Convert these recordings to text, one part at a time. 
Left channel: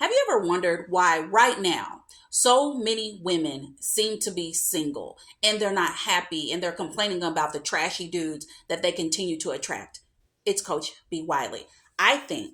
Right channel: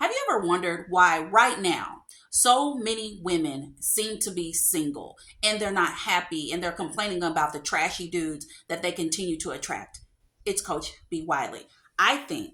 Have you ever wondered why right now so many women seem to be single and they're not happy and they're complaining about the trashy dudes that they continue to attract? It's Coach B. Wiley. I think,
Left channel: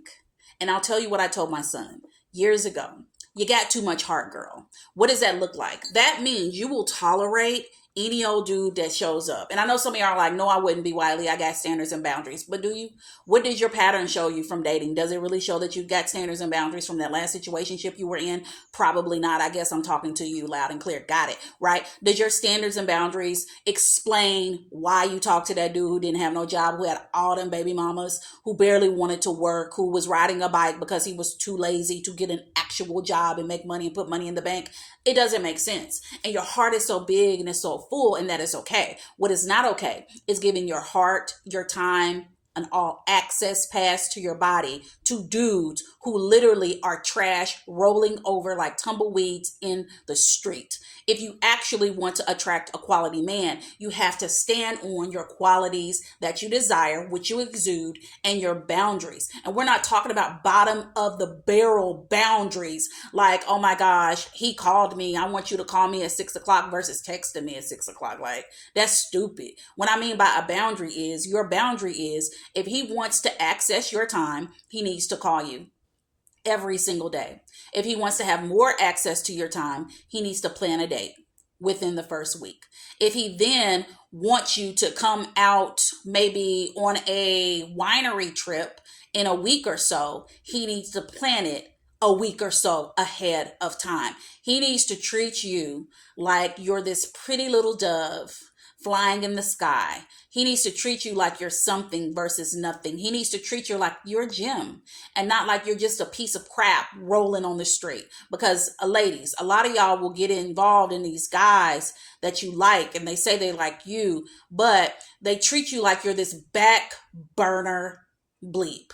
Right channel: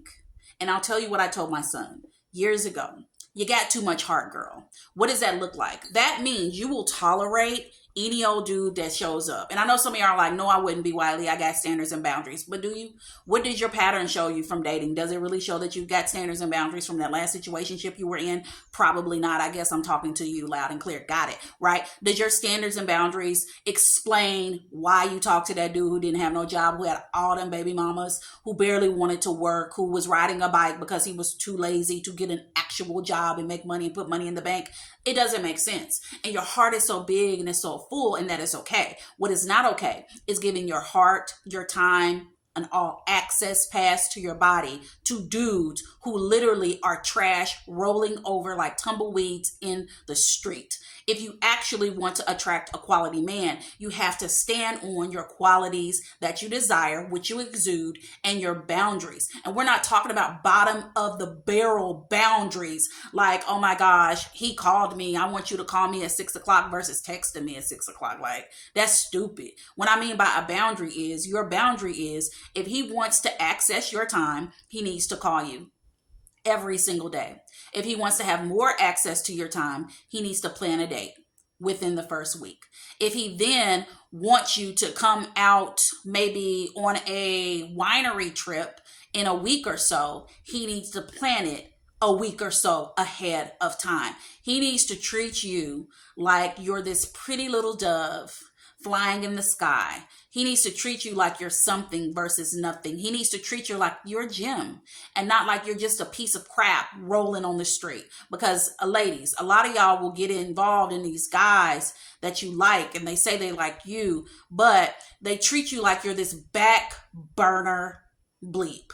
and I'll tell you what I told my son years ago. You got too much heart, girl. What does that look like? That means you will tolerate any old dude that shows up. And I know some of y'all are like, no, I wouldn't be, Wiley. I got standards and boundaries. But do you? What does your pattern show you from dating? Does it really show that you got standards and boundaries from that last situationship you were in? Probably not. I guess I'm talking to you loud and clear. Got it, right? Does your standards and boundaries explain why you talked to that dude who didn't have no job, who had all them baby mamas, who barely wanted to work, who was riding a bike because he was too lazy to get an actual job and make money and put money in the bank? It doesn't make sense. And your heart is so big and it's so full, and that is okay. What is not okay is giving your heart, your time, an all access pass to your body to dudes who literally are trash rolling over like tumbleweeds in the street. If you actually want to attract a quality man, you have to stand on your qualities that you desire, which you exude, and your boundaries. And we're not talking about bottom of the barrel boundaries like, oh my gosh, he called me, I want you to call me at 6 o'clock versus texting me at 6 o'clock. Like, that's stupid. What I mean by a boundary is, your boundary is, if he wants to access your time, he needs to call you every single day. If he wants to have more access to your time, he needs to plan a date within the first week. If he then wants you to come out maybe on a winery trip in a week or so, he needs to plan it a week or so ahead of time. He needs to treat you like you're this pretty little dove flying in the sky. He needs to treat you like you're something versus nothing. He needs to treat you like you're a gem and not like you're just a piece of crap rolling on the street. Because ladies, a lot of y'all will get involved in these guys that you like and they say they like you, but they treat you like you're this back burner bleep,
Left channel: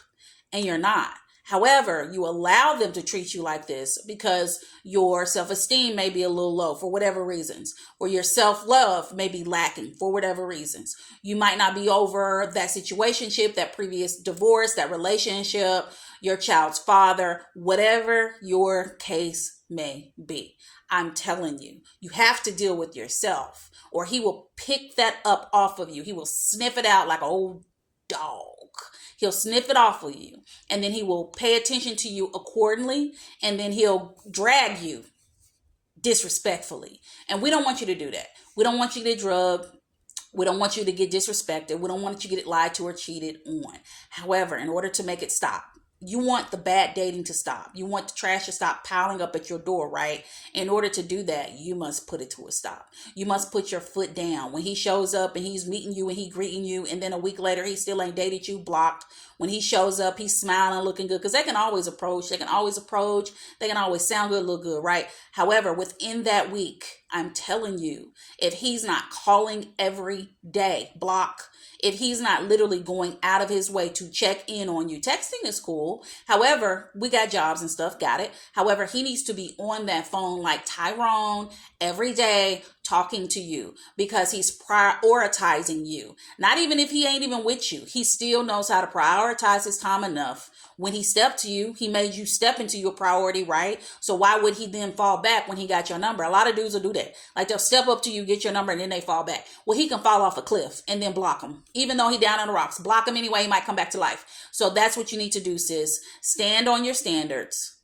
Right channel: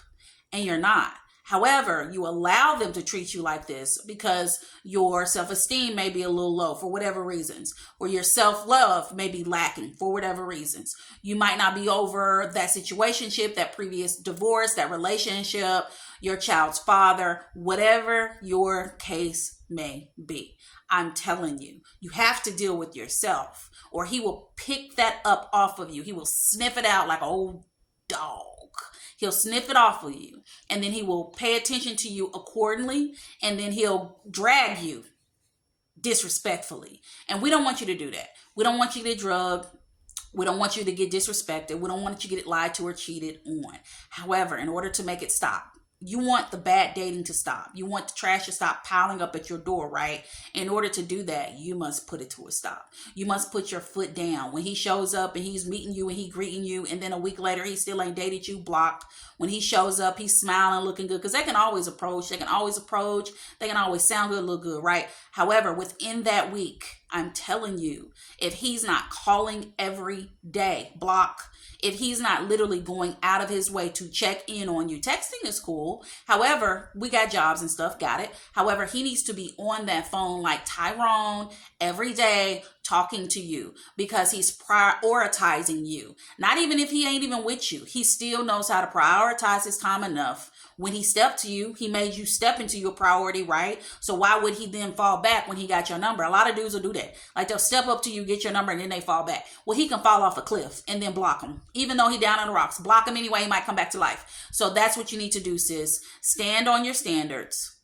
and you're not. However, you allow them to treat you like this because your self-esteem may be a little low for whatever reasons, or your self-love may be lacking for whatever reasons. You might not be over that situationship, that previous divorce, that relationship, your child's father, whatever your case may be. I'm telling you, you have to deal with yourself, or he will pick that up off of you. He will sniff it out like an old dog. He'll sniff it off of you, and then he will pay attention to you accordingly, and then he'll drag you disrespectfully. And we don't want you to do that. We don't want you to get drugged. We don't want you to get disrespected. We don't want you to get lied to or cheated on. However, in order to make it stop, you want the bad dating to stop. You want the trash to stop piling up at your door, right? In order to do that, you must put it to a stop. You must put your foot down. When he shows up and he's meeting you and he greeting you, and then a week later he still ain't dated you, blocked. When he shows up, he's smiling, looking good, because they can always approach. They can always sound good, look good, right? However, within that week, I'm telling you, if he's not calling every day, block. If he's not literally going out of his way to check in on you. Texting is cool. However, we got jobs and stuff, got it. However, he needs to be on that phone like Tyrone every day talking to you because he's prioritizing you. Not even if he ain't even with you. He still knows how to prioritize his time enough. When he stepped to you, he made you step into your priority, right? So why would he then fall back when he got your number? A lot of dudes will do that. Like, they'll step up to you, get your number, and then they fall back. Well, he can fall off a cliff and then block him. Even though he down on the rocks, block him anyway, he might come back to life. So that's what you need to do, sis. Stand on your standards.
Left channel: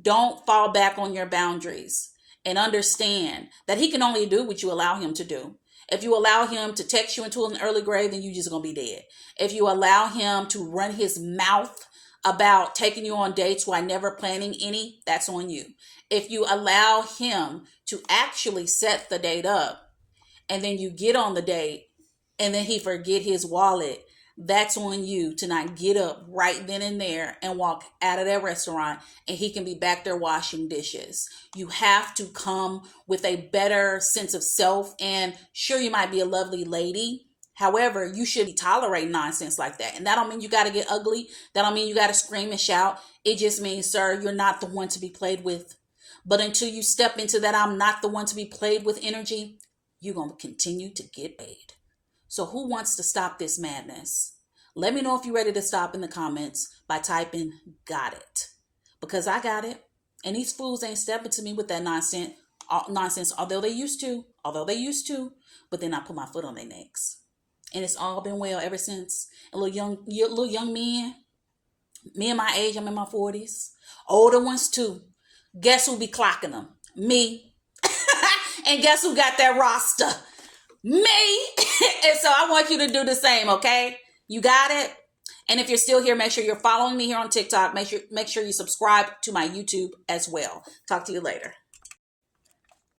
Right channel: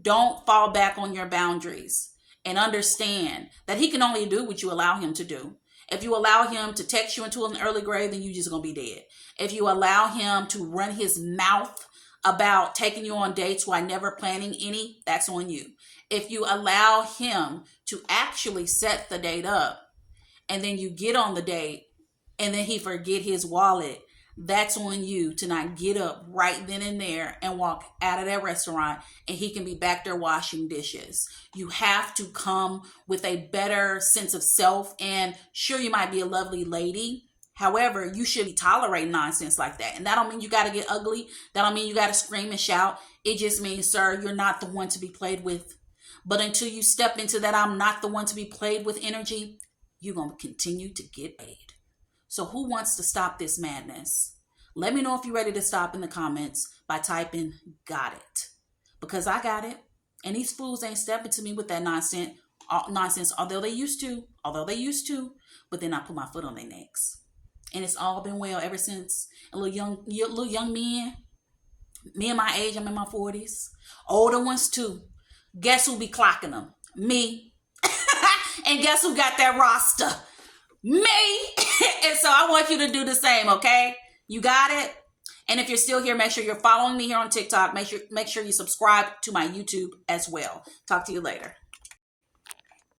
Don't fall back on your boundaries, and understand that he can only do what you allow him to do. If you allow him to text you into an early grave, then you just gonna be dead. If you allow him to run his mouth about taking you on dates while never planning any, that's on you. If you allow him to actually set the date up and then you get on the date and then he forget his wallet, that's on you to not get up right then and there and walk out of that restaurant and he can be back there washing dishes. You have to come with a better sense of self, and sure, you might be a lovely lady. However, you should be tolerating nonsense like that. And that don't mean you got to get ugly. That don't mean you got to scream and shout. It just means, sir, you're not the one to be played with. But until you step into that I'm not the one to be played with energy, you're going to continue to get paid. So who wants to stop this madness? Let me know if you're ready to stop in the comments by typing "got it." Because I got it. And these fools ain't stepping to me with that nonsense, although they used to, but then I put my foot on their necks. And it's all been well ever since. A little young men, me and my age, I'm in my 40s. Older ones too. Guess who be clocking them? Me. And guess who got that roster? Me. And so I want you to do the same, okay? You got it? And if you're still here, make sure you're following me here on TikTok. Make sure you subscribe to my YouTube as well. Talk to you later.